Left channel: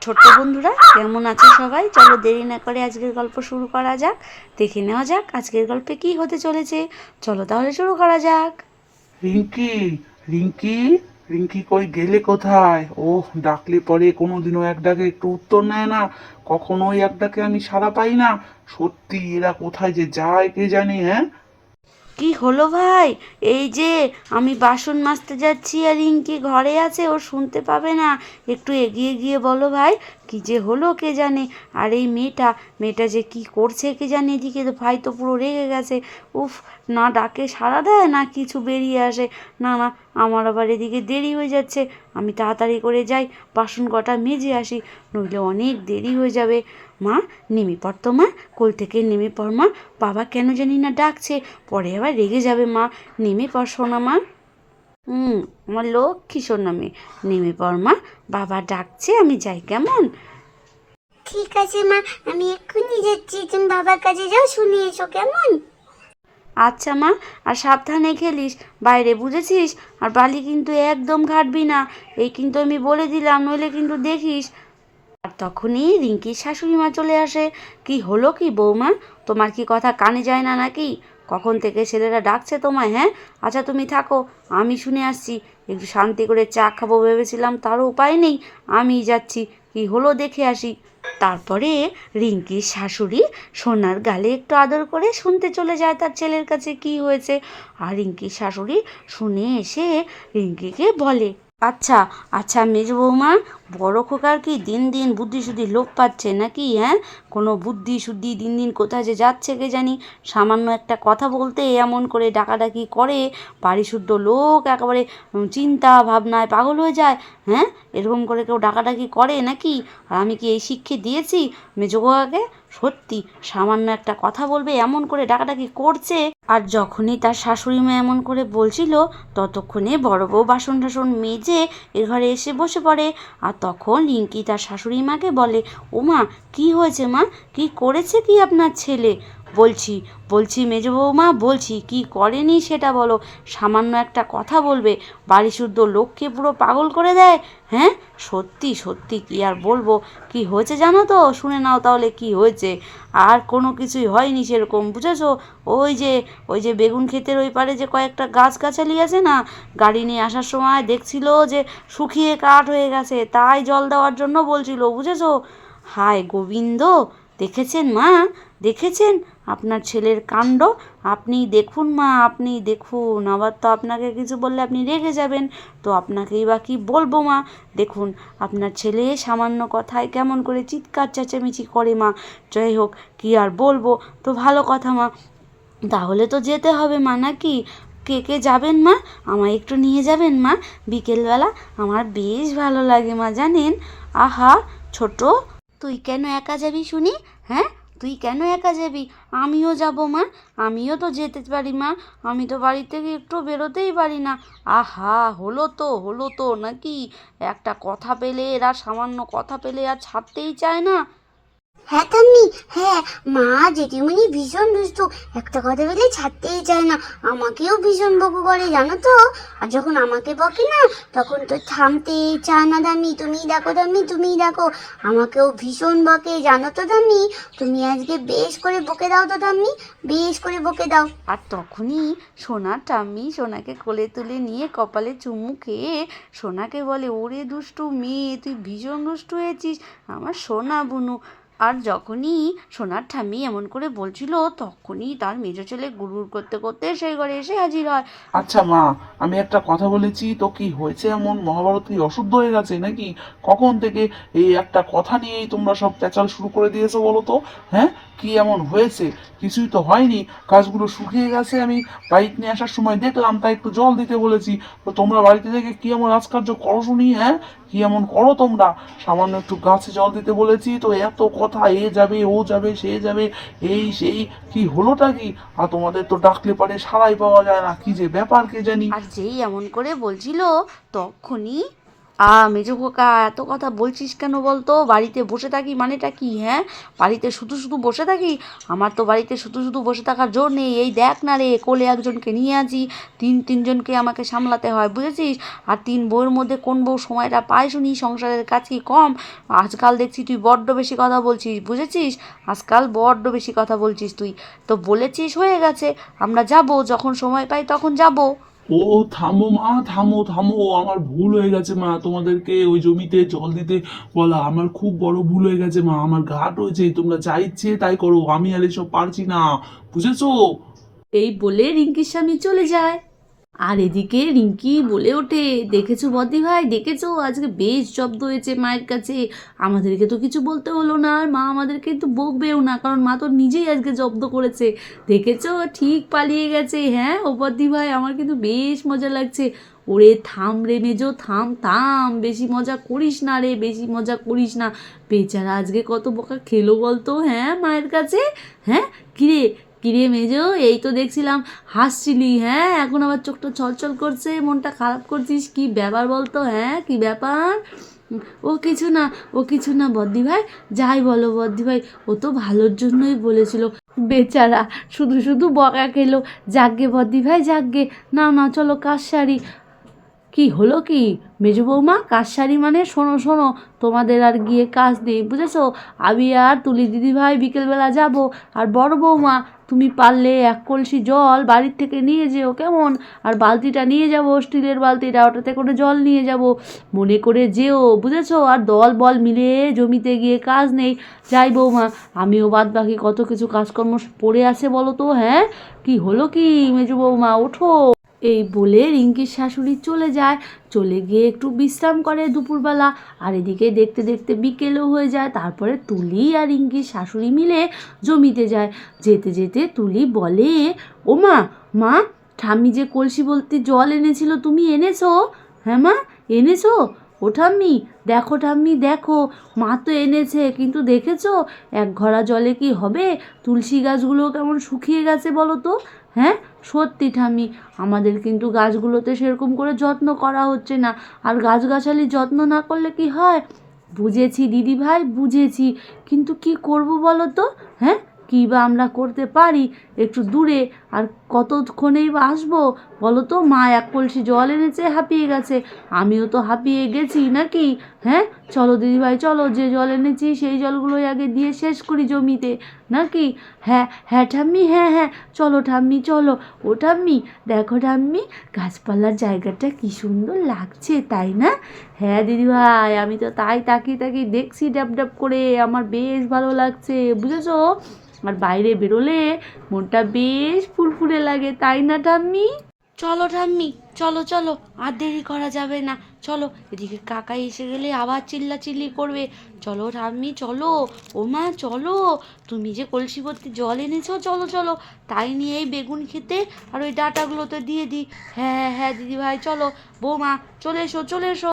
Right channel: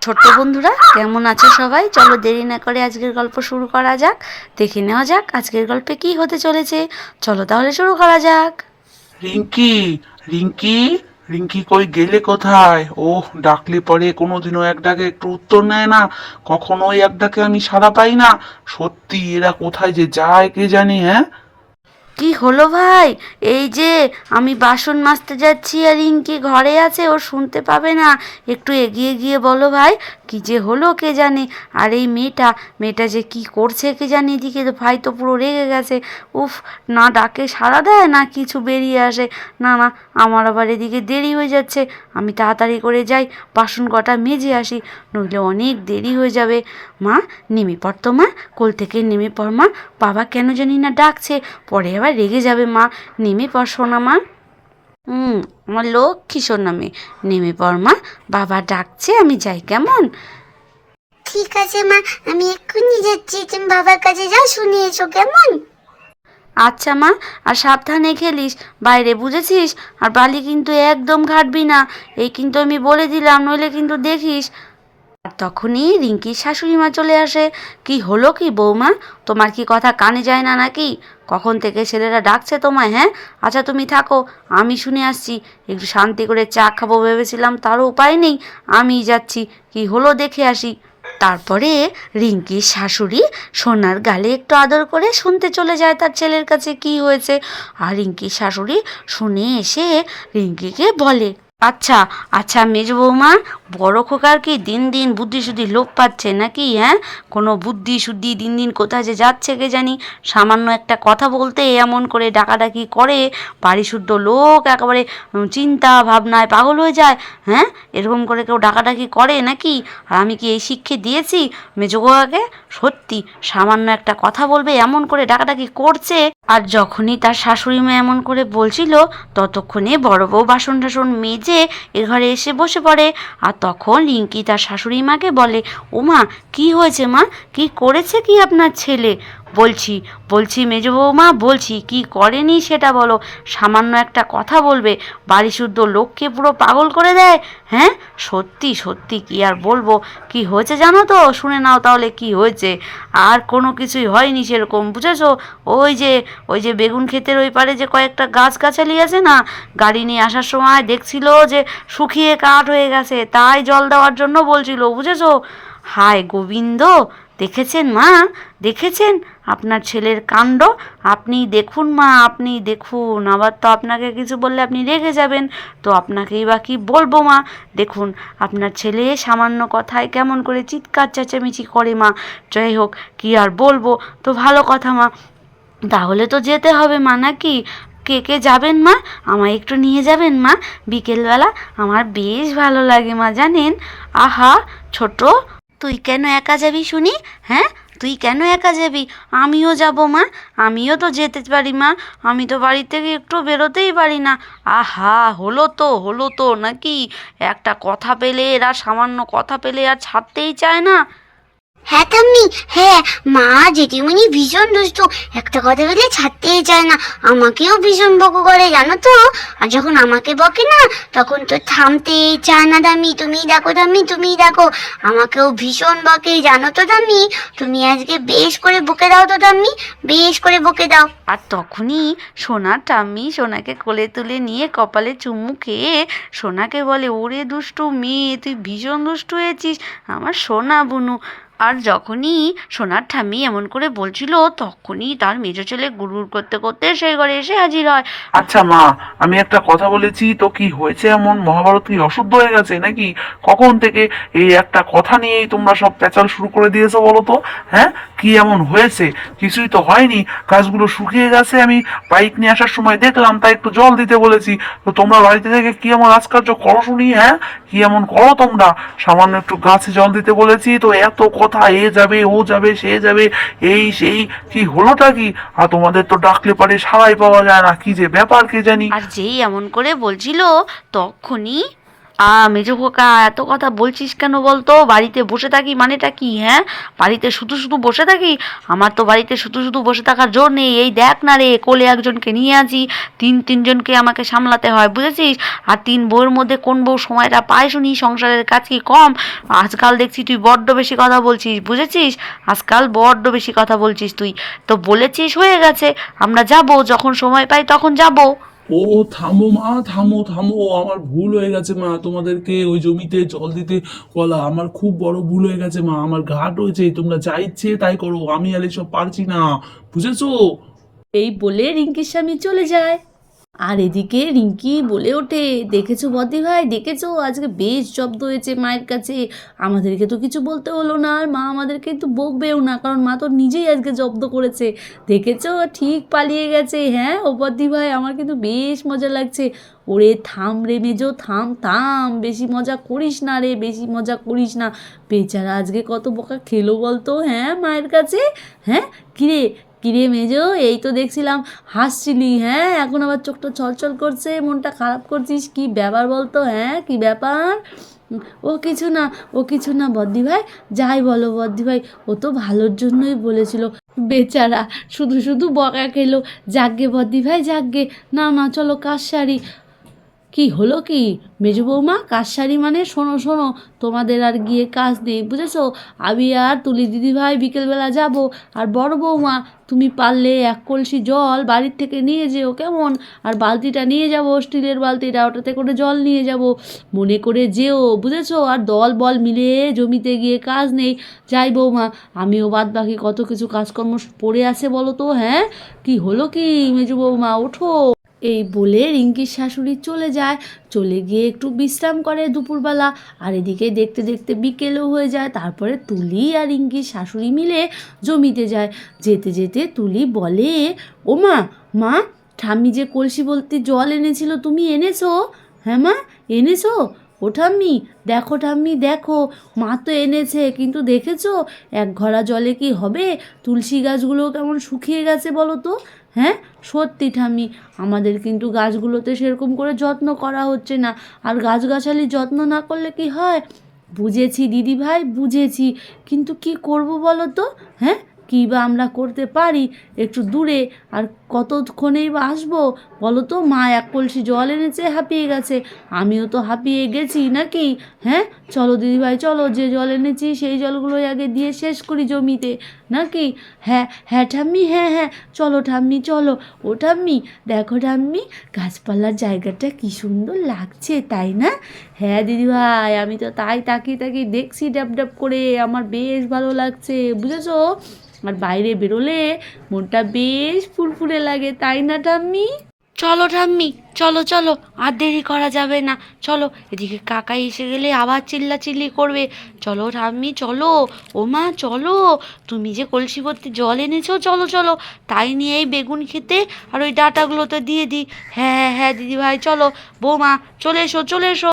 ছোট্ট বন্ধুরা, কেমন আছে সবাই? চলো দেরি না করে আজকের গল্প শুরু করা যাক। দেখে নেওয়া যাক আজকের গল্পে কি হতে চলেছে। চলো তাহলে শুরু করা যাক। রিঙ্কি রিঙ্কি রিঙ্কি কই গেলে কোথায়? ওহ, ডাকলে পরে কোনোদিনও এক ডাকে একটু উত্তর নেয় না। কখনোই এক ডাকে আমি সাড়া পাই না। সত্যি এরা কোথায় যে যায় কে জানি হ্যাঁ? কি হলো ভাই? এই যে, আমি বাসন মাজতে যাচ্ছি আর রিঙ্কি ঘরে আছে, ও শুনতে পাবে না। একটু এগিয়ে গিয়ে বলো ভাই, কি যে হলো কে জানে? আর এই মেয়েটা মেয়েটা যে কি করছে কে জানে এদিকে? ভাই তো পুরো রেগে গেছে। উফ, না ডাকে সাড়া দেয়, না কিছু বেরিয়ে আসে। না না, আমার আবার এদিকে দেরি হয়ে যাচ্ছে। আমি তাড়াতাড়ি করে যাই, বাসন কটা মেজে আসি, নইলে অনেক দেরি হয়ে যাবে। মা, নেমে পড় তো মা, কোল থেকে নেমে পড় মা। বাবা কেন জানি না ডাকছে। পরে আবার রেগে যাবে মা। নেমে পড় সোনা মা। হুম আমার লক্ষ্মী সোনা মেয়ে নেমে পড় মা। বাবা ডাকছে আমি যাই কেমন? ঠিক আছে মা। আমি এক্ষুনি যাচ্ছি। তুমি বাবার কাছে যাও শুনে এসো কেমন? আচ্ছা মা। আর সাবধানে খেলিস। বাইরে বুঝেছিস? আর বালি কিন্তু একদম ঘাটবি না। এই কিন্তু আমি বলে দিলাম নইলে কিন্তু দেখিস। আর তখনই রিঙ্কির শাশুড়ি মা চলে আসে। কি হলো কি বৌমা? তোমার কি কথা কানে যায় না নাকি? কখন থেকে ছেলেরা ডাকছে তোমায় হ্যাঁ? আচ্ছা তুমি থাকো, আমি শুনে আসছি। একটু শান্তি করে চা খাব ভেবেছিলাম, তারও উপায় নেই। আমি যাচ্ছি, কি হলো দেখে আসি। তারপরে রিঙ্কির শাশুড়ি সোনার গালে একটু আদর করে শুনতে চলে যায় তার ছেলের কাছে, কি হয়েছে? আর রিঙ্কির শাশুড়ি শুনে এসে রিঙ্কিকে বলে আচ্ছা আচ্ছা মেজ বৌমা, বড় খোকার কি দিন দিন বুদ্ধি শুদ্ধি লোপ পাচ্ছে নাকি হ্যাঁ? কোনো বুদ্ধি শুদ্ধি দিন দিন কোথায় যে যাচ্ছে কে জানি। সামান্য একটা কথা বলতে এমন করে ডাকাডাকি করে বাড়ি শুদ্ধ লোক, একেবারে চিন্তা ভাবনায় পাগল হয়ে যায় হ্যাঁ? এরকম করে কেউ ডাকাডাকি করে নাকি? আর আমি কি এই শিক্ষা দিয়েছি? মেজোগাকে সত্যি, সামান্য একটা কথা বলবে, এমন করে ডাকাডাকি করছে আর যখনই তার শাশুড়ি মা এমন করে বলছিল, ততক্ষণে বড় বউ বাসন টাসন মেজে এ ঘরে এসে বসে পড়ে। আর তখন রিঙ্কি তার শাশুড়ি মাকে বলে, ওমা, কী হয়েছে মা? কি করেছে কি আপনার ছেলে? বলছি বলছি মেজ বৌমা, বলছি, কি করেনি সেটা বলো। সামান্য একটা কথা বলবে বাড়ি শুদ্ধ লোককে পুরো পাগল করে দেয়। হ্যাঁ? সত্যি সত্যি, কি আর বলব? কি হয়েছে জানো তো? শুনে নাও তাহলে কি হয়েছে। আর কোনো কিছুই হয়নি সেরকম, বুঝেছ? ওই যে ওই যে বেগুন ক্ষেতের ওই পারে যে কয়েকটা গাছ গাছালি আছে না? গাড়ি নিয়ে আসার সময় দেখছিল যে শুকিয়ে কাঠ হয়ে গেছে, তাই জল দেওয়ার জন্য বলছিল, বুঝেছ? হায় গোবিন্দ! দেখেছেন মা? দেখেছেন? আপনার ছেলের কাণ্ড, আপনি দেখুন মা, আপনি দেখুন। আবার তো আপনাকে কিছু বললে আপনি রেগে যাবেন। তো আপনাকেই বা কি বলব মা? দেখুন, আপনার ছেলে সামান্য কথায় কেমন করে চিৎকার, চেঁচামেচি করে মা। যাই হোক, কি আর বলব? তো ভালো কথা মা। তাহলে তো যেতে হবে মা নাকি? কে কে যাবেন মা? আমায় একটু নিয়ে যাবেন মা? বিকেলবেলা আমার বেশ ভালো লাগে মা, জানেন? আহা, ছোট। তুই কেন একা যাবি শুনি হ্যাঁ? তুই কেন একা যাবি? আমিও যাব, মা। আমিও তো যেতে পারি, মা। আমি তো বাড়ি থেকে একটু বেরোতেই পারি না। আহা, হলো তো হলো তো, নাকি? একটা কথা পেলে এরা সামান্য কথা পেলে আর ছাড়তেই চায় না। হ্যাঁ মা, জেঠিমণি ভীষণ দুষ্টু। একটা কথা বলে ছাড়তেই চায় না। আমাকেও ভীষণ বকো করে, জানো তো? আর যখন আমাকে বকে না, তখন তো থামতেই চায় না দামি। তুমি দেখো দামি, তুমি দেখো। আমাকেও ভীষণ বকে, জানো তো দামি? তুমি আজকে বেশ করে বকে দাও তো দাম্মি বেশ করে বকে দাও। আর তখনই সোনা টাম্মি সোনাকে কোলে তুলে নিয়ে কপালে চুমু খেয়ে সোনাকে বলে, ওরে দুষ্টু মেয়ে, তুই ভীষণ দুষ্টু হয়েছিস। আমার সোনা বুনু। আর যখনই সোনার ঠাম্মি এমন করে বলছিল, তখনই তার মেজো ছেলে গুড়গুড় করতে করতে সেই ঘরে এসে হাজির হয়। আচ্ছা মা, আমি একটা কথা বলেছি, তো কি হয়েছে এমন? মহাভারত কি অশুদ্ধ হয়ে গেছে নাকি? কখন থেকে এই একটা কথা নিয়েই তোমরা সব পেঁচাল শুরু করে দিয়েছ বলো তো? হ্যাঁ? কি এমন হয়েছে? কিছুই তো হয়নি। গাছগুলো শুকিয়ে গেছে, আমি বাইক নিয়ে আসার সময় দেখলাম, তাই একটু জল দিতে বলেছি। তো তোমরা বাড়িতে থেকে কি এমন আজকার্য করো শুনি হ্যাঁ? কি এমন করো তোমরা? সামান্য একটু গাছে জল দিতে বলেছি, তো এত কথা এ যাবে, ও যাবে, সে যাবে। এই সেই কি হলোটা কি? আর তোমাদের তো ডাকলে পারে সারাই পাওয়া যায় না। কি যে ব্যাপার কে জানি? আর যেই এমন করে বলছিল, তখনই আ, মেজো খোকা, এত কথা বলছিস কেন বলতো? বাড়িতে বসে থাকি মানেটা কি হ্যাঁ? বাড়িতে শুধু শুধু বসে থাকি? আমার তো বাড়িতে শুধু শুধু বসে থাকার জোর নেই। এই দেখ না রে, কোলে একজনকে নিয়ে আছি, তিন তিনজনকে আমাকে সামলাতে হয়, বুঝেছিস? আর তিন বউয়ের মধ্যে কোন বউ সময়টা পায় শুনি? সংসারের কাজ কি কম? আজকাল দেখছি তুই বড্ড বেশি কথা বলছিস, বুঝেছিস? আজকাল বড্ড বেশি কথা বলছিস তুই। তো বলেছিস হয়ে গেছে, আমরা যাব, যখন সময় পাই তখন যাব। ও থামো মা, থামো থামো, আমার ভুল হয়ে গেছে মা, তোমাদেরকে ওই জমিতে জল দিতে বলা আমার খুব বড় ভুল হয়ে গেছে মা, আমার ঘাট হয়েছে, তোমরা যা ইচ্ছে তাই করো, আমি আর এসব পারছি না, বুঝেছ? এই বলে রিঙ্কির স্বামী চলে যায়। আর এদিকে রিঙ্কি বলে ওঠে, দেখেছ বদি ভাই? দেখেছ? আজকে বেশ জব্দ হয়েছে মায়ের কাছে। আমাদেরকে তো কিছু বলতে হলো না। আর মা আমাদেরকে একটু বকবেও না, কারণ মা তো নিজেই আজকে জব্দ করেছে। দেখেছ? ঠিক পালিয়ে গেছে। হ্যাঁ ও বদি ভাই, আমার কিন্তু বেশ মজা লাগছে। ওরে থাম রে মেজো, থাম থাম। বেশি মজা করিস না রে, বেশি মজা করিস না। বেচারা আজকে কত বকা খেলো বলতো হ্যাঁ মায়ের কাছে? হ্যাঁ? কিরে কিরে মেজো, এই তো দেখছিলাম হাসছিলি হ্যাঁ? এখন আবার চোখটা ছলছল করছে, মনটা খারাপ করছিস, কি ব্যাপার বলতো হ্যাঁ? কি ব্যাপার? ও কিছু না, ও কিছু না, বদ্দি ভাই, যাই বলো বদ্দি ভাই, ও তো ভালোর জন্যই বলেছিল। বেচারা শুধু শুধু বকা খেলো যাগ্গে বদ্দি ভাই যাগ্গে না না, চলো কাজ সারি। কি হলো কি? মেজো বৌমা, কাজ সারি মানে শোনো শোনো, তোমাদের আর গিয়ে কাজ নেই, বুঝেছ? আমি আর তুলি দিদি ভাই বিকেলবেলা যাব। আর বড় বৌমা, তুমি পারলে এক কলসি জল বাড়ির থেকে নিয়ে যেও, কেমন? আর বালতিটা নিয়ে যাব, স্টিলের বালতিটা, ওটাতে করে জল নিয়ে যাব। মনে করে যেও, বুঝেছ? আর দল বল মিলে জমিতে গিয়ে কাজ নেই। যাই বৌমা, আমিও বাদ বাকি কত কিছু কাজকর্ম পড়ে আছে বলো তো হ্যাঁ? কি হলো কি, মেজু বৌমা? ওঠো। এই বলে রিঙ্কির শাশুড়ি চলে যায়। চলে গিয়ে একটু বিশ্রাম করে দুপুরবেলা। আর এদিকে দেখতে দেখতে বিকেলও হয়ে যায়। তারপরে তুলি আর রিঙ্কির শাশুড়ি মিলে জমিতে যায়। যেতে যেতে তুলি বলে, ও মা মা, ঠাম্মি যে কলসি বলতে জল এনেছিল তুমি এনেছো? হ্যাঁ মা, এনেছো? ও ঠাম্মি, দেখো ঠাম্মি, দেখো, মা তো এনেছে, কিন্তু দেখেছ? এক ঘড়া জলে কি হবে? তুলসী গাছগুলো কেমন শুকিয়ে গেছে বলো তো হ্যাঁ? সত্যি ঠামি আমাদের কিন্তু গাছগুলোতে সেরকম করে যত্ন করা হচ্ছে না। আর গাছগাছালি যত্ন না করলে কি হয়? বুঝেছি দিদি ভাই বুঝেছি। কিন্তু কি করব বলো তো হ্যাঁ? কী বা আমরা করতে পারি? একটু দূরে। আর কতক্ষণেই বা আসব? বলো তো, মা, এক কলসি জল এনেছে, হাঁপিয়ে গেছে। আমিও তো হাঁপিয়ে গেছি নাকি? হ্যাঁ? চলো দিদিভাই, চলো। যে জল এনেছি, সেই জলগুলোই আগে দিয়ে শেষ করি জমিতে। নাকি? হ্যাঁ হ্যাঁ ঠাম্মি হ্যাঁ হ্যাঁ। চলো ঠাম্মি, চলো। ও ঠাম্মি, দেখো ঠাম্মি, গাছপালার জায়গাটা কি সুন্দর লাগছে, তাই না? হ্যাঁ দিদিভাই, আমি তো তাই তাকিয়ে তাকিয়ে দেখছি ডাব ডাব করে। আমার বেশ ভালো লাগছে, বুঝেছ? আর বাইরে বেরোলে মনটা বেশ ফুরফুরে লাগে, তাই না ঠাম্মি? চলো ঠাম্মি, চলো চলো, আর দেরি করা যাবে না। চলো, এদিকে কাকা এসে গেলে আবার চিল্লাচিল্লি করবে। চলো ঠাম্মি, চলো, ও মা, চলো, তুমি যে কলসি ভর্তি জল এনেছো, চলো চলো, তাই নিয়ে এই বেগুন খেতে আর ওই ডাটাগুলোতে দিয়ে দিই। হ্যাঁ হ্যাঁ হ্যাঁ দিদি ভাই চলো, বৌমা, চলে এসো চলে এসো।